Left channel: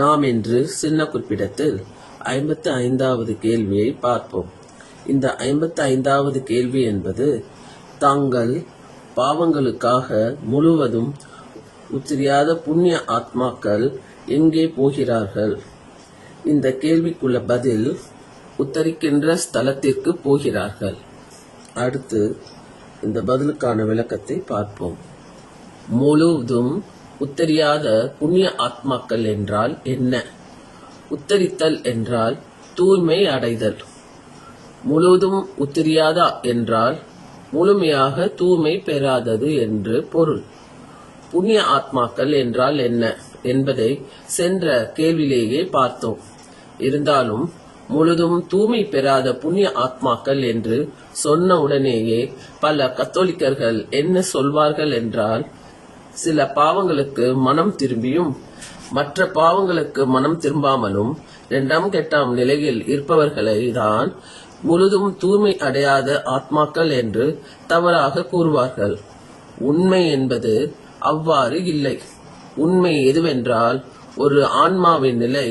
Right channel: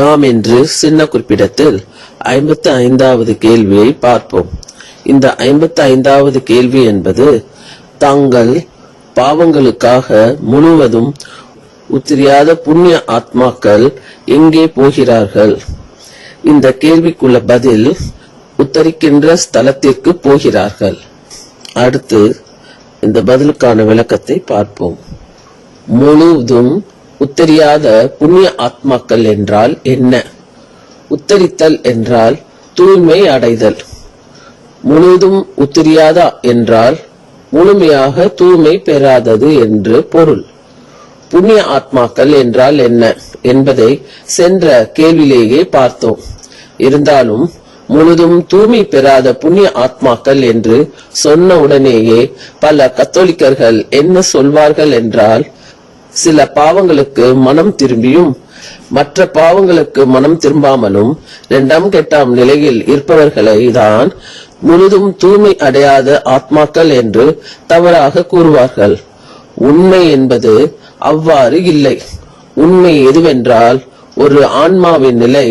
நாம் இன்று சின்ன குறிப்பிடத்தில் ஐம்பத்தி ஐந்தாவது கேள்வியை பார்ப்போம். இந்த ஐம்பத்தி ஐந்தாவது கேள்வி என்பது தங்கள் பாவங்களுக்காக முழுவதும் உத்திரியாத புண்ணிய ஆத்மாக்கள் எங்கே போகிறார்கள்? இந்த கேள்விக்குள்ள பதில் உத்தரிக்கின்ற ஸ்தலத்திற்கு போகிறார்கள். அடுத்து இந்த பதிலுக்கான விளக்கத்தை பார்ப்போம். முழுவதும் உத்தரியாத புண்ணிய ஆத்மாக்கள் என்றால் என்ன? உத்தரித்தல் என்றால் தூய்மை அடைதல். முழுதும் உத்தரியாதா என்றால் முழுமையாக தூய்மை பெறாதது என்று பொருள். புண்ணிய ஆத்மாக்கள் என்றால் என்ன என்பதை சென்ற கேள்வியிலேயே பார்த்தோம். இருந்தாலும் முழுதும் தூய்மை பெறாத புண்ணிய ஆத்மாக்கள் என்று சொன்ன உடனேயே பல கத்தோலிக்கர்கள் என்ன சொல்வார்கள் என்றால் சில பாவங்களுக்கு மனம் திரும்பியும் மற்ற பாவங்களுக்கு மனம் திரும்பாமலும் இரண்டாம் கெட்டாம் நிலையில் இருப்பவர்களை தான் முழுதும் தூய்மை அடையாத ஆத்மாக்கள் என்று தவறாக கூறுவார்கள். உண்மை என்பது அவ்வாறு இல்லை. உண்மை எதுவென்றால் ஒரு ஆன்மாவின் நிலை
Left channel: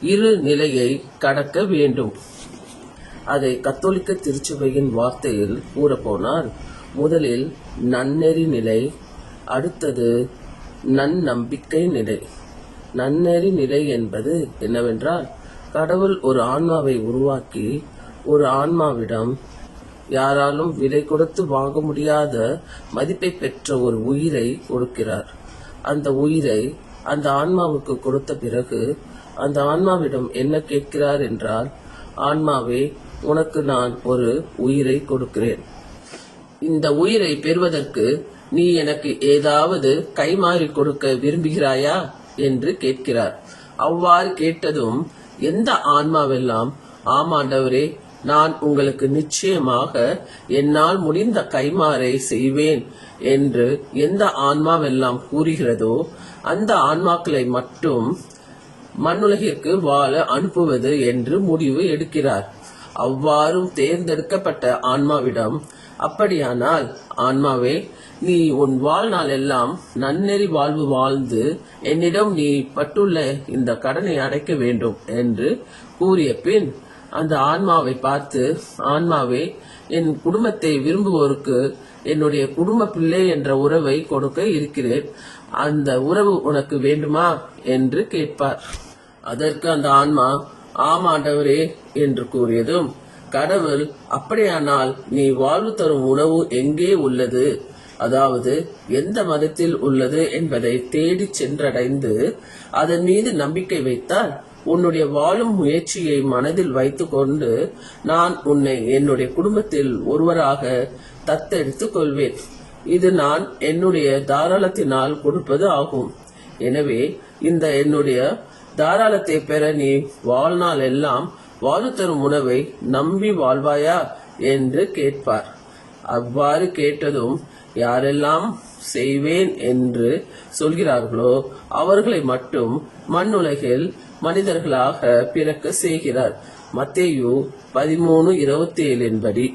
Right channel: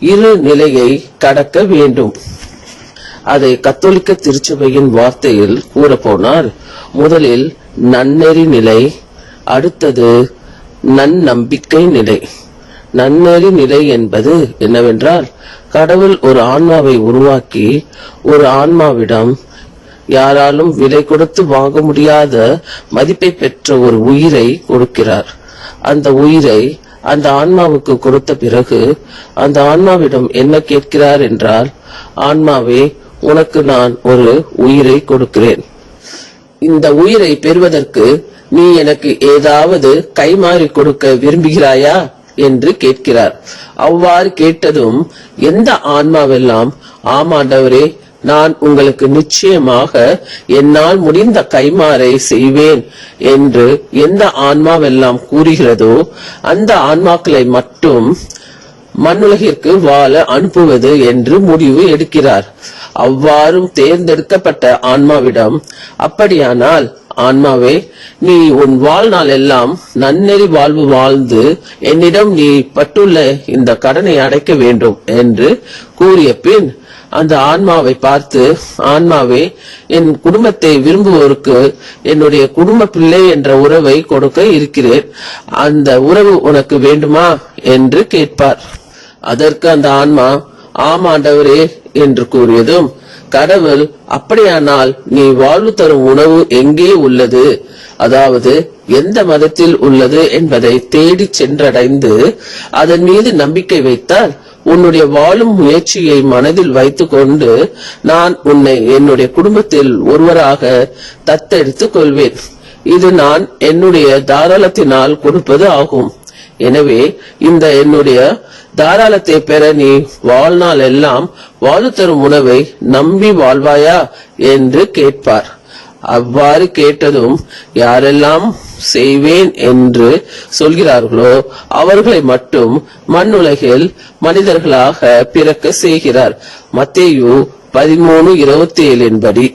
இரு நிலையை கடக்க வேண்டும். அதை கத்தோலிக்க திருச்சபையின் வார்த்தையில் கூறப்போனால் முதலில் நன்னெறி நிலை அடுத்தது நன்னம்பிக்கை நிலை. நன்னெறி நிலை என்பது என்னவென்றால் கடவுள் ஒரு ஆன்மாவை உருவாக்கி ஒரு ஆன்மாவிடம் யாராலும் விலை கொடுத்து வாங்க முடியாத மதிப்பை பெற்ற ஒரு உயிரை கொடுக்கிறார். அந்த உயிரை அந்த ஆன்மாவுக்கு கொடுத்த பிறகு அந்த ஆன்மாவிடம் என்ன கேட்கிறார் என்றால் ஆன்மாவே உனக்கு நான் ஒரு உயிரை கொடுக்கிறேன். இந்த உயிரை பெறுவதற்கு நீ எனக்கு ஏதாவது கைமாறி கொடுக்க விரும்புகிறாயா? என்று கேட்கிறார். அவ்வாறு கேட்டதும் எந்த ஆன்மாவெல்லாம் ஆமாண்டவரே நான் உங்களுக்கு நிச்சயமாக என்னால் முடிந்த கைமாறை செய்வேன் என்று எந்த ஆன்மாவெல்லாம் கூறுகிறதோ அந்த ஆன்மாக்களை மட்டும் மண்ணுலகிற்கு வாழ அனுப்புவது என்று முடிவு எடுக்கிறார். அவ்வாறும் தேர்ந்தெடுக்கப்பட்ட ஆன்மாவிடம் அப்படியானால் ஆன்மாவே நீ உன் வாழ்நாள் எல்லாம் நன்னெறி வாழ்வு வாழ்ந்து என்னிடம் நீ பட்டுள்ள இந்த கடனை அடைக்க வேண்டும் என்று கூறிய பின் அந்த ஆன்மாவை பார்த்து ஆன்மாவே என் குடும்பத்தை விரும்புவோருக்கு என்னுடைய குடும்ப பிள்ளை என்ற உறவை கொடுக்க இருக்கிறேன். அந்த உறவு உனக்கு வேண்டுமா என்று கேட்பார். அதற்கு அந்த ஆன்மா ஆமாண்டவரே என்று கூறியதும் கடவுள் அப்படியானால் நீ வாழ்வு தரும் உணவு எங்கே உள்ளது? அதாவது எந்த மதத்தில் உள்ளது என்பதை தேடி சென்றடைந்து அதன் மீது நம்பிக்கை வைத்தால் உன்னுடைய வாழும் முயற்சியை மனதில் வைத்துக்கொண்டு நான் உன்னை என்னுடைய குடும்பத்தில் ஒருவராக தத்தெடுத்துக் கொள்வேன். இது நான் என்னுடைய தாராளத்தினால் கொடுப்பது ஆகும். எனவே இந்த என்னுடைய தாராளத்தை பெற நீ வாழ்நாள் எல்லாம் வாழ்வு தரும் உணவை நம்பி வாழ்வாயா என்று கேட்பார். அவ்வாறு கேட்டதும் யாரெல்லாம் செய்வேன் என்று சொல்கிறார்களோ அவர்களை மட்டும் மண்ணுலகில் மனிதர்களாக பிறக்க செய்கிறார். மத்தேயு பதிமூணு இருபத்தி ஏழின் படி.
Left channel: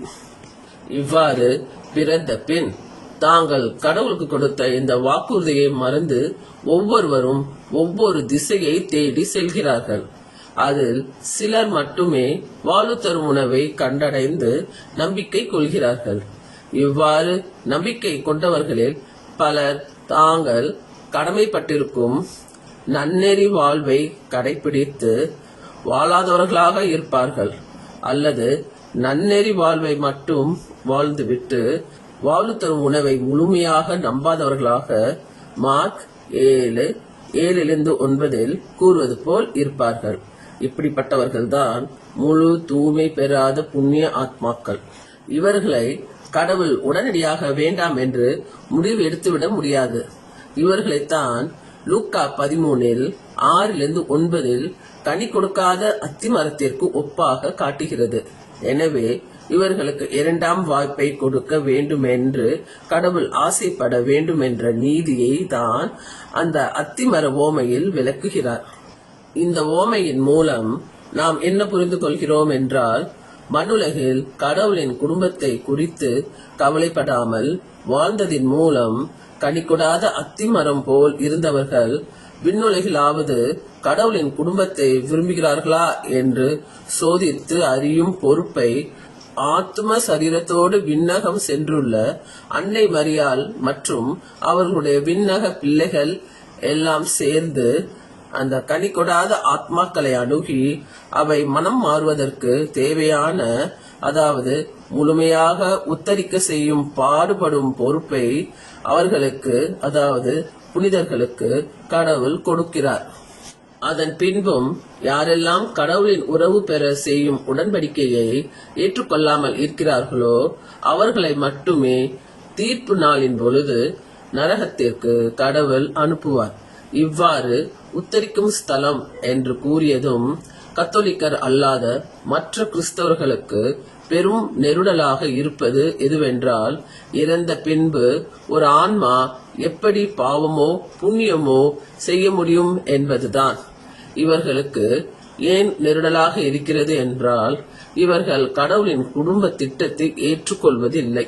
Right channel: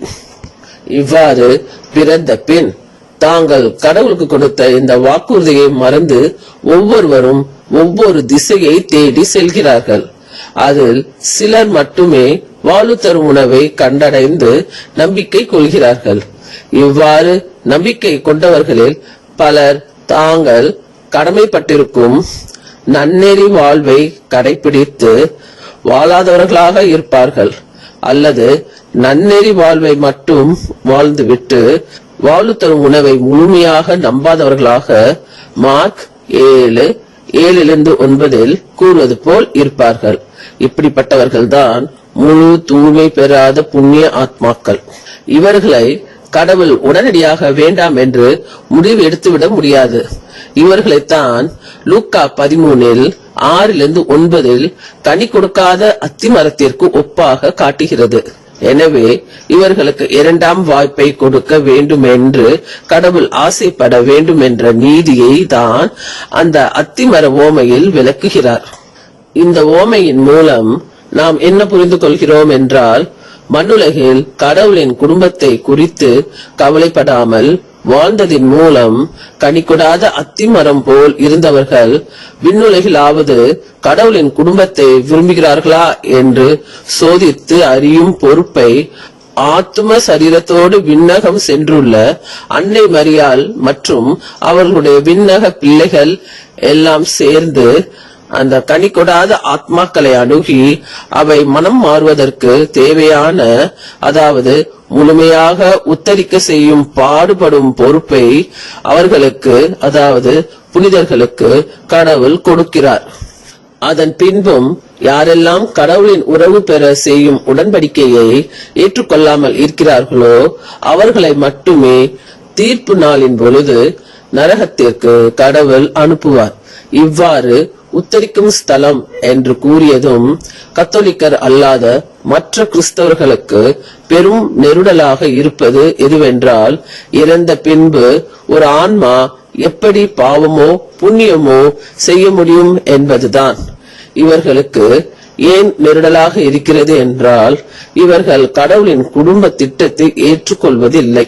இவ்வாறு பிறந்த பின் தாங்கள் கடவுளுக்கு கொடுத்த இந்த வாக்குறுதியை மறந்து ஒவ்வொருவரும் ஒவ்வொரு திசையை தேடி செல்கிறார்கள். அதில் சிலர் மட்டுமே வாழ்வு தரும் உணவை கண்டடைந்து நம்பிக்கை கொள்கிறார்கள். இவ்வாறு நம்பிக்கை கொண்டவர்களில் பலர் தாங்கள் கடமைப்பட்டிருக்கும் நன்னெறி வாழ்வை கடைபிடித்து வாழாதவர்களாக இருப்பார்கள். அல்லது நன்னெறி வாழ்வை மட்டும் வாழ்ந்துவிட்டு வாழ்வு தரும் உணவை முழுமையாக நம்பாதவர்களாக மார்க் ஏழு ஏழிலிருந்து ஒன்பதில் கூறுவது போல் இருப்பார்கள். இப்படிப்பட்டவர்கள்தான் முழு தூய்மை பெறாத புண்ணிய ஆத்மாக்கள். இவர்களை கடவுள் உடனடியாக வேண்டாம் என்று முடிவு எடுத்துவிட முடியாது. இவர்களைத்தான் லூக்கா பதிமூனில் ஆறிலிருந்து ஒன்பதில் கனி கொடுக்காத அத்திமரத்திற்கு ஒப்பாக காட்டுகிறது. எனவே இவர்களுக்கு இரண்டாம் வாய்ப்பை கொடுக்க வேண்டும் என்று கடவுள் ஆசைப்பட வேண்டும் என்ற நீதியை தான் அந்த அத்திமர ஓமையில் விளக்குகிறார். இந்த ஓமையின் மூலம் நாம் என்ன புரிந்து கொள்கிறோம் என்றால் மண்ணுலகில் கடவுளின் குடும்பத்தை குறித்து கவலைப்படாமல் வாழ்ந்ததின் மூலம் கனிகொடாத அத்திமரம் போல் இருந்தவர்கள் விண்ணுலகிலாவது கடவுளின் குடும்பத்தை விரும்புகிறார்களா என்று சோதித்து அறியும் பொறுப்பை ஆத்ம சரீரத்தோடு விண்ணகம் சென்றுள்ள அன்னை மரியாள் மற்றும் அவர்களுடைய விண்ணக பிள்ளைகள் எல்லாம் சேர்ந்து அந்த கனி கொடாத ஆத்மாக்களை அணுகி அவை மனம் மாறுவதற்கு தேவையான அதாவது முழுமையாக உத்தரிக்க செய்யும் பாடுபடும் பொறுப்பை அவர்களுக்கு அதாவது புனிதர்களுக்கு கடவுள் கொடுக்கிறார். அதன் பின்பும் யாரெல்லாம் கடவுளின் உறவு பெற செய்யும் உடன்படிக்கையை ஏற்றுக்கொள்ளாமல் இருக்கிறார்களோ அவர்களை மட்டுமே தீர்ப்பு நாளின் பொழுது நரகத்திற்கு கடவுள் அனுப்புவார். இவ்வாறு உத்தரிக்கும் ஸ்தலம் என்று கூறியதும் கத்தோலிக்கர் அல்லாத மற்ற கிறிஸ்தவர்களுக்கு பெரும் நெருடலாக இருப்பது எதுவென்றால் இறந்த பின்பு ஒரு ஆன்மா எப்படி பாவமோ புண்ணியமோ செய்ய முடியும் என்பதுதான். இவர்களுக்கு ஏன் நெருடலாக இருக்கிறது என்றால் இவர்கள் கடவுளின் குடும்ப திட்டத்தை ஏற்றுக்கொள்வதில்லை.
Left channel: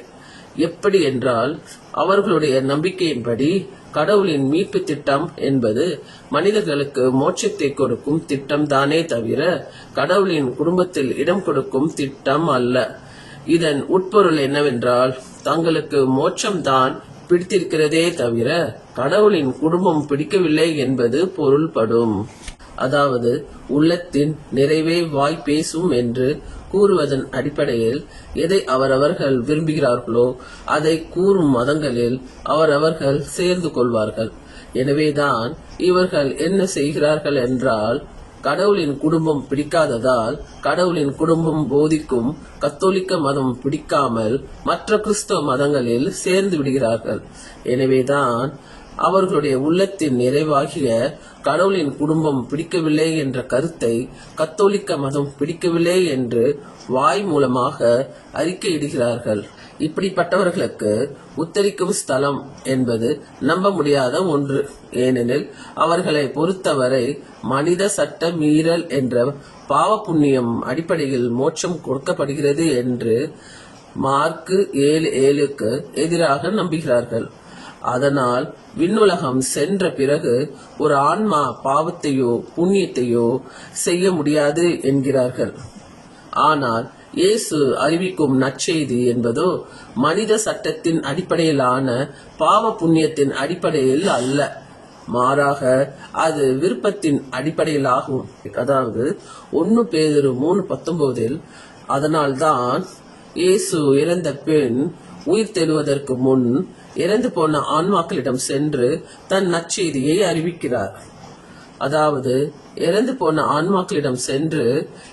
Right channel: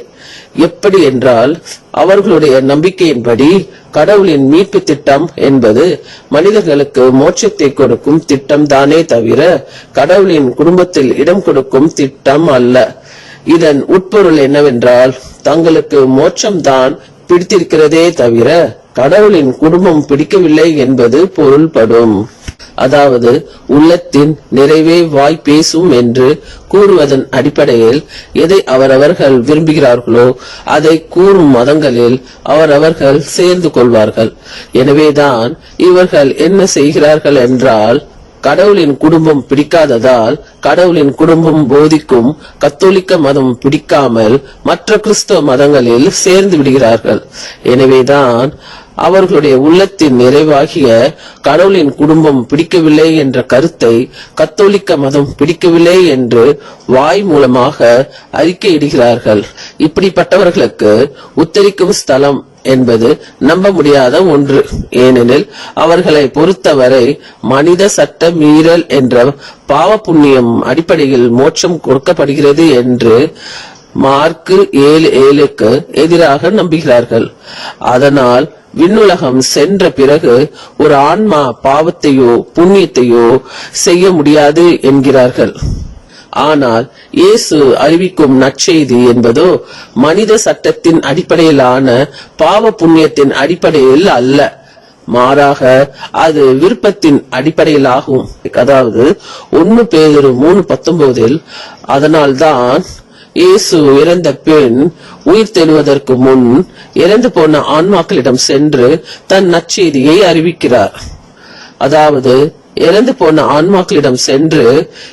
எப்படி என்றால் அவர்களுடைய நம்பிக்கையின்படி கடவுளின் மீட்பு திட்டம் என்பது மனிதர்களுக்கு மோட்சத்தை கொடுக்கும் திட்டம் தானே தவிர கடவுளின் குடும்பத்தில் இடம் கொடுக்கும் திட்டம் அல்ல. இதன் உட்பொருள் என்னவென்றால் தங்களுக்கு மோட்சம்தான் பிடித்திருக்கிறதே தவிர கடவுளின் குடும்பம் பிடிக்கவில்லை என்பது பொருள்படும். அதாவது உள்ளத்தின் நிறைவே வாய் பேசும் என்று கூறுவதன் அடிப்படையில் எதை அவரவர்கள் விரும்புகிறார்களோ அதை கூறும் மதங்களில் அவரவர்கள் சேர்ந்து கொள்வார்கள். எனவேதான் இவர்கள் என்ன செய்கிறார்கள் என்றால் கடவுளின் குடும்பம் பிடிக்காததால் கடவுளின் குடும்பம் போதிக்கும் கத்தோலிக்க மதம் பிடிக்காமல் மற்ற கிறிஸ்தவ மதங்களில் சேர்ந்து விடுகிறார்கள். எனவேதான் அவர்களுடைய உள்ளத்தின் நிறைவாகிய கடவுளின் குடும்பம் பிடிக்கவில்லை என்ற கருத்தை கத்தோலிக்க மதம் பிடிக்கவில்லை என்று வாய் மூலமாக அறிக்கையிடுகிறார்கள். இப்படிப்பட்டவர்களுக்கு உத்தரிக்கும் ஸ்தலம் என்பது நம்ப முடியாத ஒன்று. ஏனெனில் அவர்களை பொறுத்தவரை மனித சட்ட மீறல் என்ற பாவ புண்ணியம் அடிப்படையில் மோட்சம் கொடுக்கப்படுகிறது என்று மார்க்கு ஏழு ஏழுக்கு எதிராக நம்புகிறார்கள். அதனால் விண்ணுலகம் சென்ற பிறகு ஒரு ஆன்மா பாவத்தையோ புண்ணியத்தையோ செய்ய முடியாது என்கிறார்கள். ஆனால் இயேசு அறிவிக்கும் நற்செய்தி என்பதோ மனித சட்டத்தின் அடிப்படையிலான பாவ புண்ணியத்தின் அடிப்படையில் அல்ல. மாறாக அது விருப்பத்தின் அடிப்படையிலாகும். அதாவது ஒன்னு பேதொரு மூணு பத்தொன்பதில் அதனால்தான் இயேசு இறந்த பின் உயிர் தெழுவதற்கு முன் இறந்து போன ஆன்மாக்களிடம் சென்று தன் நற்செய்தியை அறிவிக்கிறார். அதாவது இறந்து போன ஆன்மாக்களிடம் சென்று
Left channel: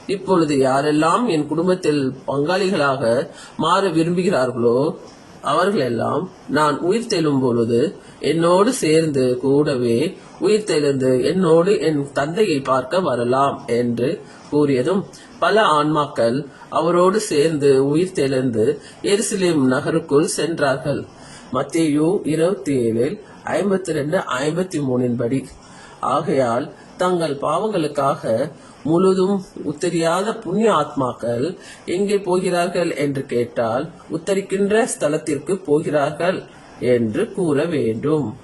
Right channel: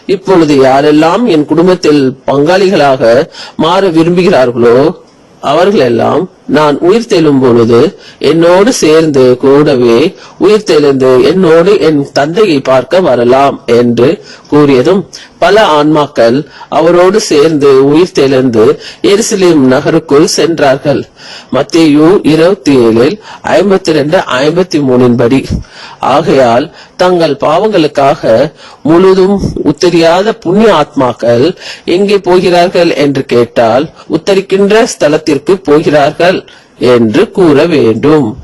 இப்பொழுது யாரெல்லாம் என் குடும்பத்தில் பங்காளிகளாக மாற விரும்புகிறார்களோ அவர்களெல்லாம் நான் உயிர் தெழும் பொழுது என்னோடு சேர்ந்து கூடவே உயிர் தெழுந்து என்னோடு என் தந்தையை பார்க்க வரலாம் என்று கூறியதும் பல ஆன்மாக்கள் அவரோடு சேர்ந்து உயிர் தெழுந்து எருசலேம் நகருக்குள் சென்றார்கள். மத்தேயு இருபத்தி ஏழில் ஐம்பத்தி ரெண்டு ஐம்பத்தி மூணின் படி ஆகையால் தங்கள் பாவங்களுக்காக முழுதும் உத்தரியாத புண்ணிய ஆத்மாக்கள் எங்கே போகிறார்கள் என்று கேட்டால் உத்தரிக்கின்ற ஸ்தலத்திற்கு போகிறார்கள். என்று கூற வேண்டும்.